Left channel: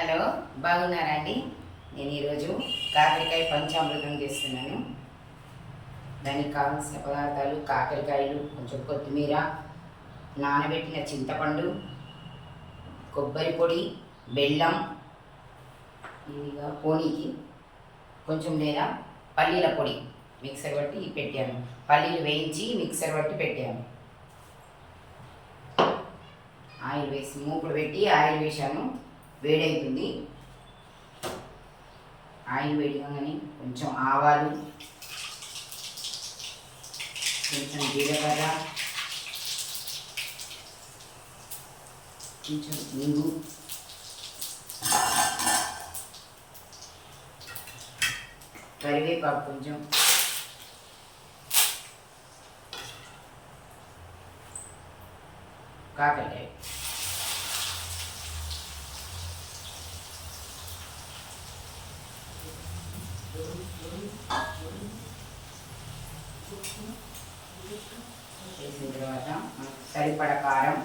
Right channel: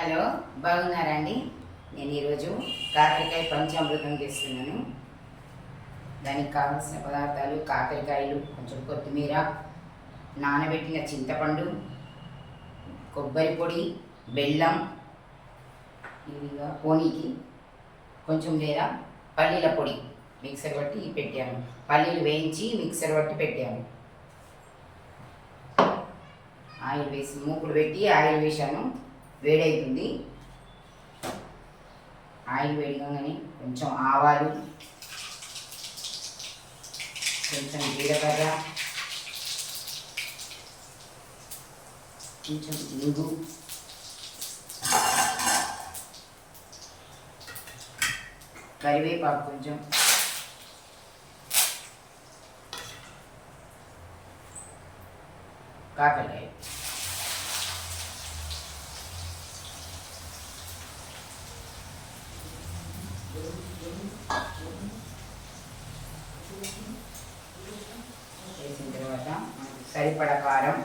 Hello, బాగున్నారా అండి? నేను ఈరోజు కాకరకాయ పంచామృతం చేస్తున్నాను. దానికి కావాల్సిన పదార్థాలు కాకరకాయలు, కొంచెం కొత్తిమీర, నానబెట్టిన చింతపండు, కొబ్బరి పొడి, బెల్లం, ఇదిగా పోనీకి కొంచెం లేదా పల్లీల పొడి మిక్సర్ పట్టి పెట్టాను. పల్లీలు వేయించి మిక్సర్ పట్టి పెట్టాను. ఆయిల్ వేసి మూకుడు పెట్టి ఆయిల్ వేసాను. వేడవుతుంది. ఆయిల్ వేడిగానే కొంచెం ఆవాలు, కొంచెం జీలకర్ర, కొంచెం ఇంగు, కరివేపాకు కొంచెం, కాకరకాయ వేసిన తర్వాత మనకు సరిపడ కారం,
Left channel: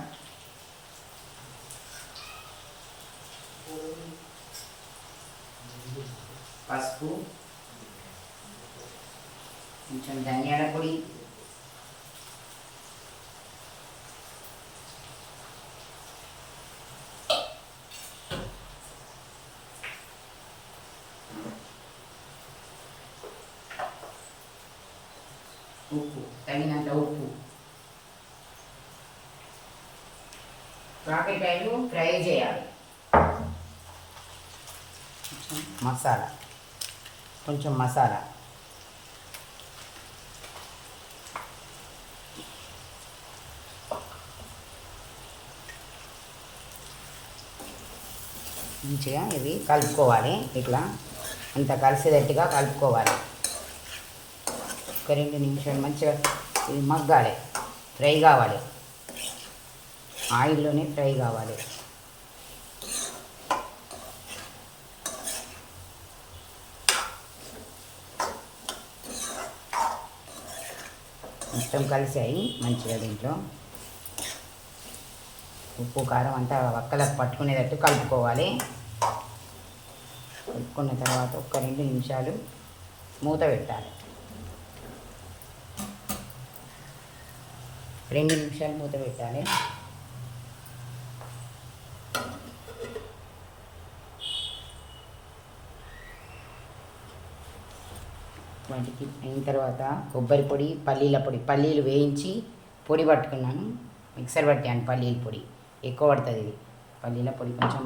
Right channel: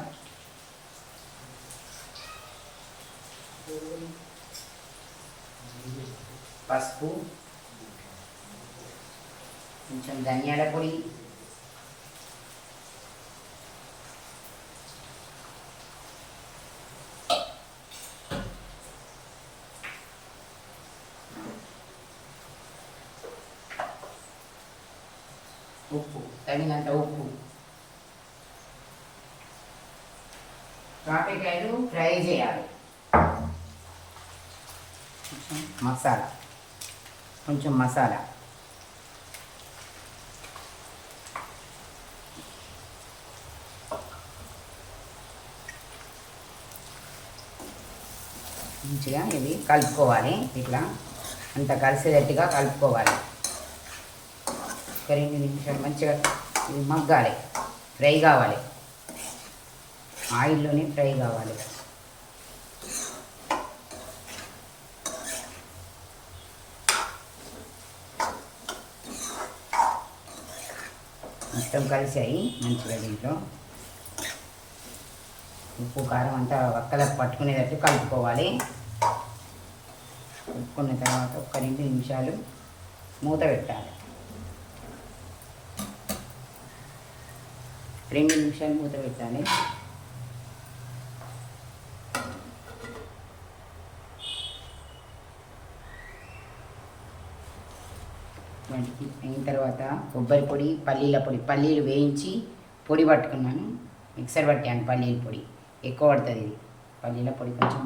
పసుపు, కొంచెం ధనియాల పొడి, ఉప్పు, తగినంత ఉప్పు. కాకరకాయలు ఫ్రై చేయాలి. కొంచెం మసాలా మంచిగా ఇవి కలుపుకోవాలి. ఇట్లా అంత కలిసేటట్టుగా కలుపుకోవాలి. 2 నిమిషాలు మంచిగా ఇది మగ్గాలి, ఫ్రై కావాలి, ఆయిల్లోనే ఫ్రై కావాలి. మొత్తం కలిసాయి మంచిగా. దీంట్లో ఉప్పు కారం అంతా ఒక్కలకు పట్టుకునేటట్టు కలుపుకోవాలి. కలుపుకున్న తర్వాత 2 నిమిషాలు మూత పెట్టాలి. 2 నిమిషాలు మూత పెట్టాలి. వాటికి అయిన తర్వాత కొబ్బరి పొడి, పల్లీల పొడి, పల్లీలు వేయించి పొడి పట్టుకున్నాను. మిక్సర్ పట్టాను. పల్లీల పొడి ఎక్కువ పడుతుంది. ఇది పల్లీల పొడి కొంచెం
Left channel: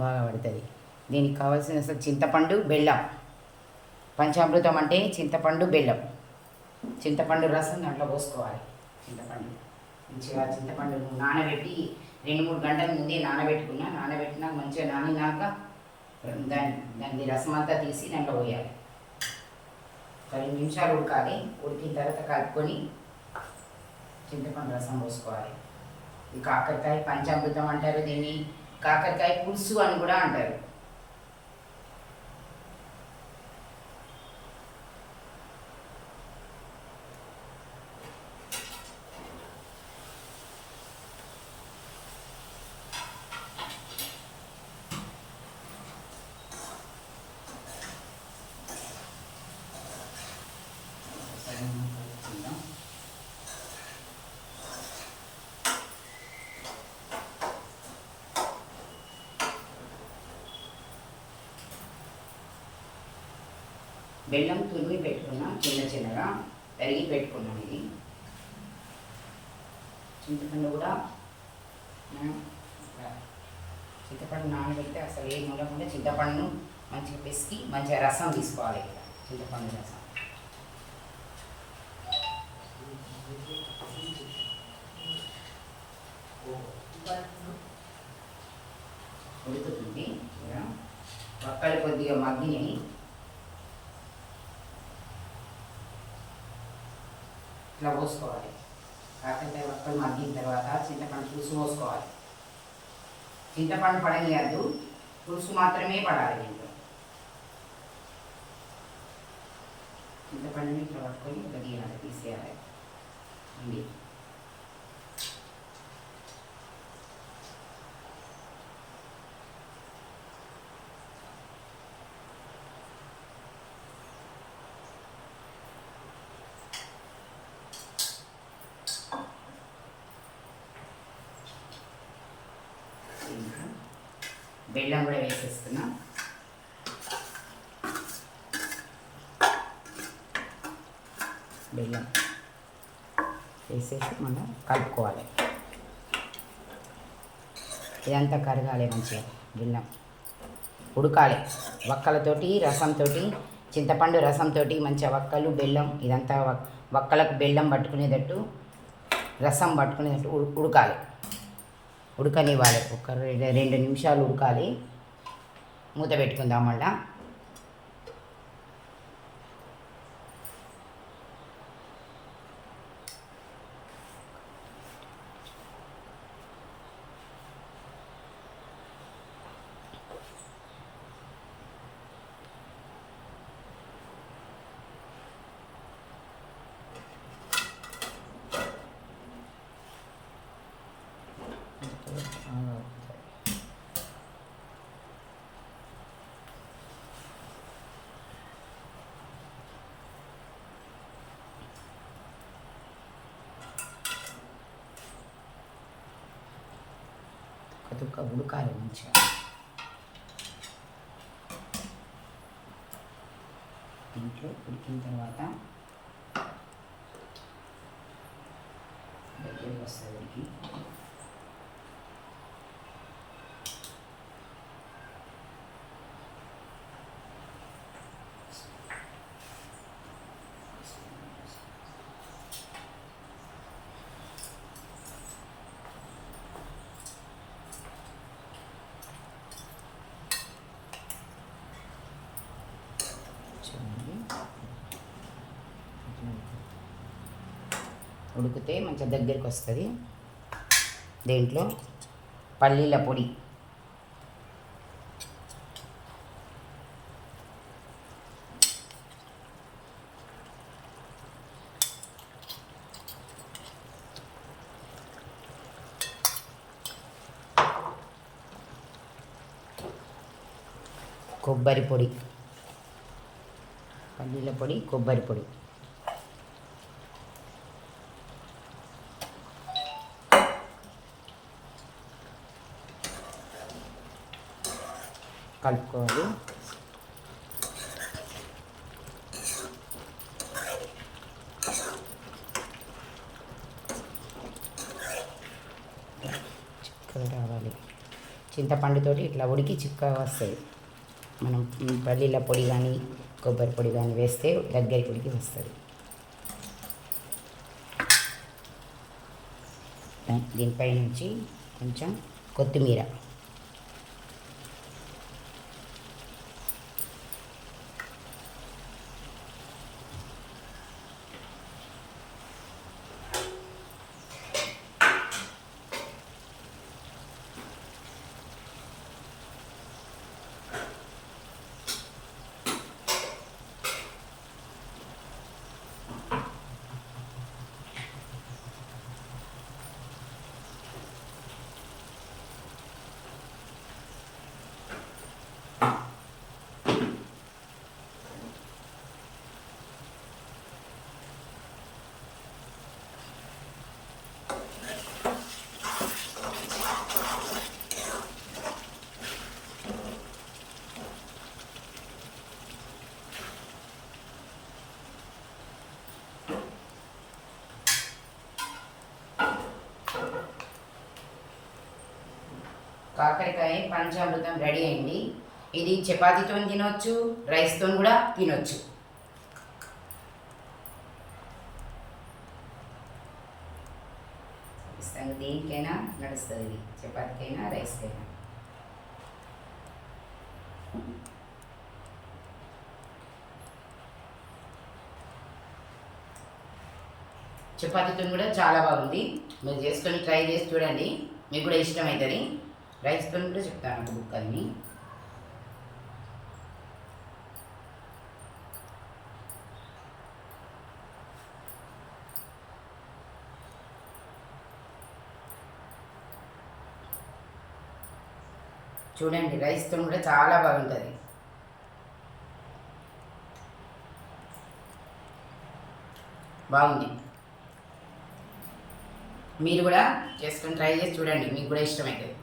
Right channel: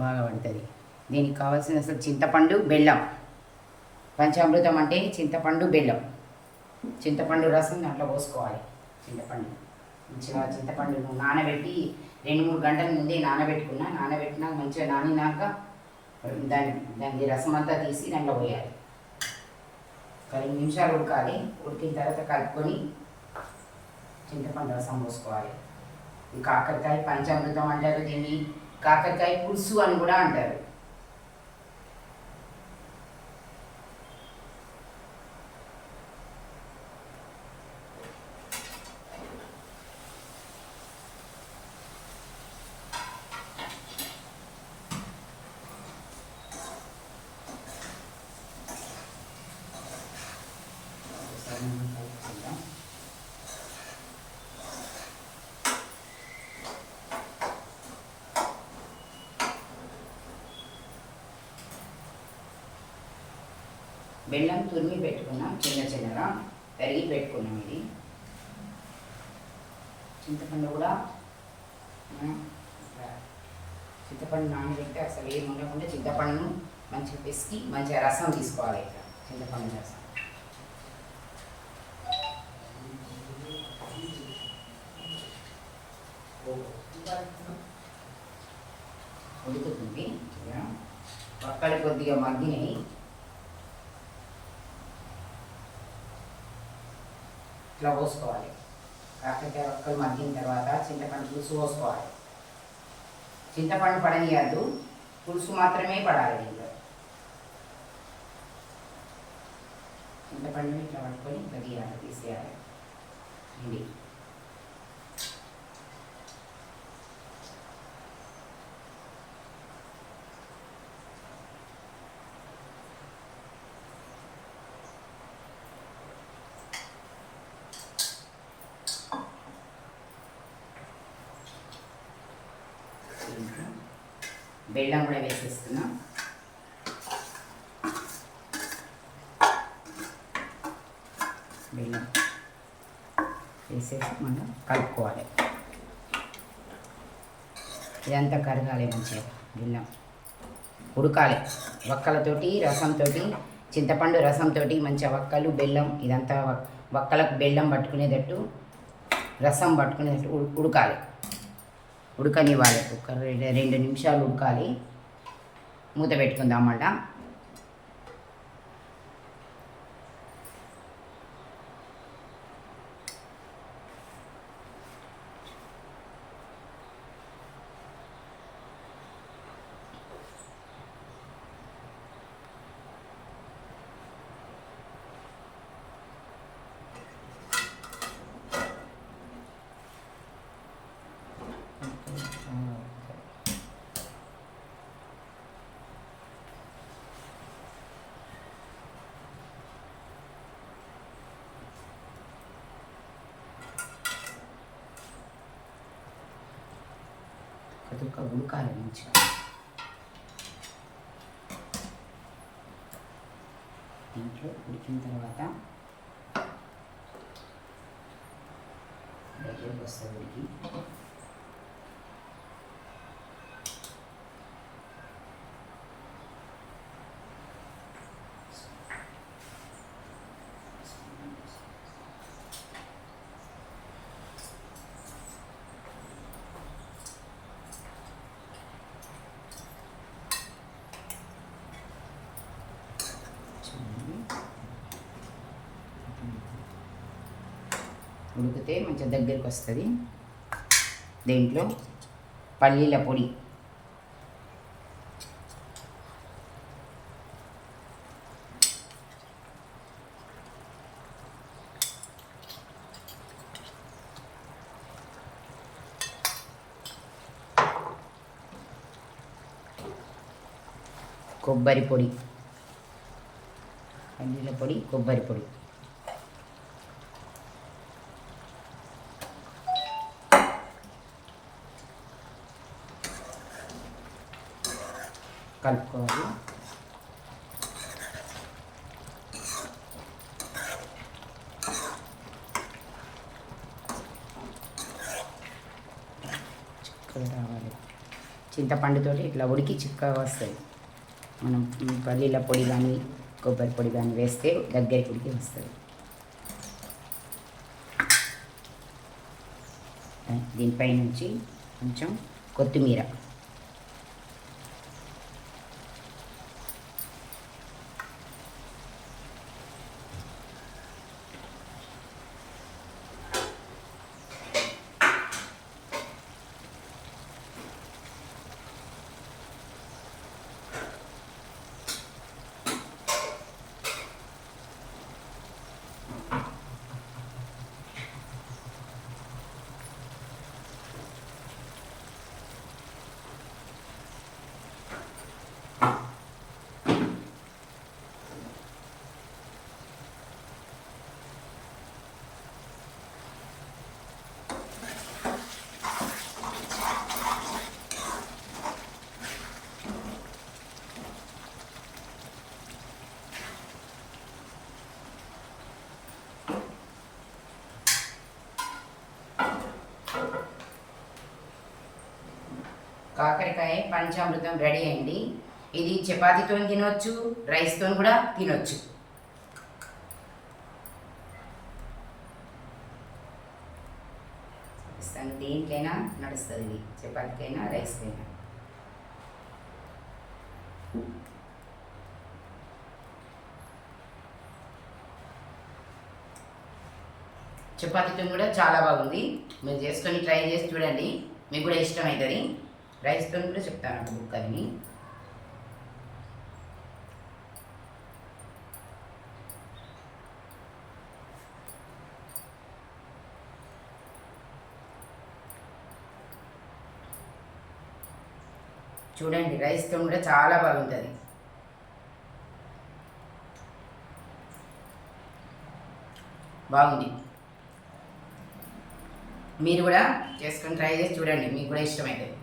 బాగా పడుతుంది. దీనికి కావాల్సిన అసలు చింతపండు, బెల్లం. పంచామృతం అంటే చింతపండు, బెల్లం. చింతపండు రసం దాంట్లో పోసుకోవాలి. మంచిగా చింతపండును నానబెట్టి 2-3 గంటల ముందే నానబెట్టినాక మంచిగా నానినాక దాని రసం అంతా తీసి దాంట్లో పోయాలి. 2 నిమిషాలు ఉడకాలి. ఉడికిన తర్వాత కలుపుకొని చింతపండు రసం పోసుకోవాలి. ఈ కాకరకాయ పంచామృతం అంటారు. దీన్ని కాకరకాయ పులుసు అని కూడా అంటారు. బెల్లం తురిమి పెట్టుకున్నాం, చిన్నగా తరిగి పెట్టుకున్నాం. ఇది చింతపండు కూడా చింతపండు నానబెట్టి అసలు ఏమి ఉండకుండా చింతపండును మంచిగా పిసికి మంచిగా రసం తీసుకోవాలి. చింతపండు రసం ఉడుకుతుంది. ఇలా పక్కలు కొద్దిగా మగ్గినవి. ఇట్లా పోసుకోవాలి. కాకరకాయ ఒక్కలు మగ్గిన తర్వాత చింతపండు పులుసు పోసుకోవాలి. చింతపండు పడనియద్దు, పులుసు మాత్రమే పడాలి. దీంట్లో చింతపండుని ఇట్లా పట్టుకొని ఇట్లా తీయాలి, తీసేయాలి. ఇది బెల్లం కూడా వేసేస్తున్నాం. బెల్లం వేసేసి మనం కలుపుకోవాలి. ఇదంతా కరగాలి మంచిగా, బెల్లం ఉడకాలి. వక్కలతోటి రసంతో, చింతపండు రసంతో మంచిగా వక్కలు బెల్లం ఇదంతా వక్కలకు బెల్లం పట్టుకునేటట్టు, రసం పట్టుకునేటట్టు ఉడకాలి. ఉడకనివ్వాలి. ఒక 2 నిమిషాలు ఉడకాలి. మూత పెట్టుకుందాం అన్నమాట. కొద్దిగా ఉడకాలి మంచిగా. దీంట్లో ఉడికిన తర్వాత దగ్గరికి వస్తుంది. ఉడికి ఉడికితే మంచిగా దగ్గరికి వస్తుంది. దీంట్లో పల్లీల పొడి, కొబ్బరి పొడి, పల్లీల పొడి, కొబ్బరి పొడి, కలుపుకోవాలి. చిక్కగా రావాలి. చింతపండుతోటి ఇట్లా ఉడికి చిక్కగా వస్తుంది. మనం పల్లీల పొడి కానీ కొబ్బరి పొడి కానీ వేస్తే దగ్గరికి ఉడికి వస్తుంది. దీనిపై నుంచి కొంచెం కొత్తిమీర, కాకరకాయ పంచామృతం రెడీ అయింది. ఇది చపాతీతో తినవచ్చు, రైస్తో కూడా తినవచ్చు. దేనికైనా నడుస్తుంది. ఇది చపాతీకైనా రైస్కైనా. చపాతీతో కూడా చాలా బాగుంది. మీరు చేసుకొని ట్రై చేసి చూడండి, మీకు కూడా ఇష్టమవుతుంది. రైస్తో కూడా చెప్తాను ఒక బుక్ అది. చూడండి, రైస్తో కూడా చాలా బాగుంటుంది. బాగుంది. మీరు కూడా చేసుకొని ట్రై చేసి చూడండి, మీకు కూడా ఇష్టమవుతుంది.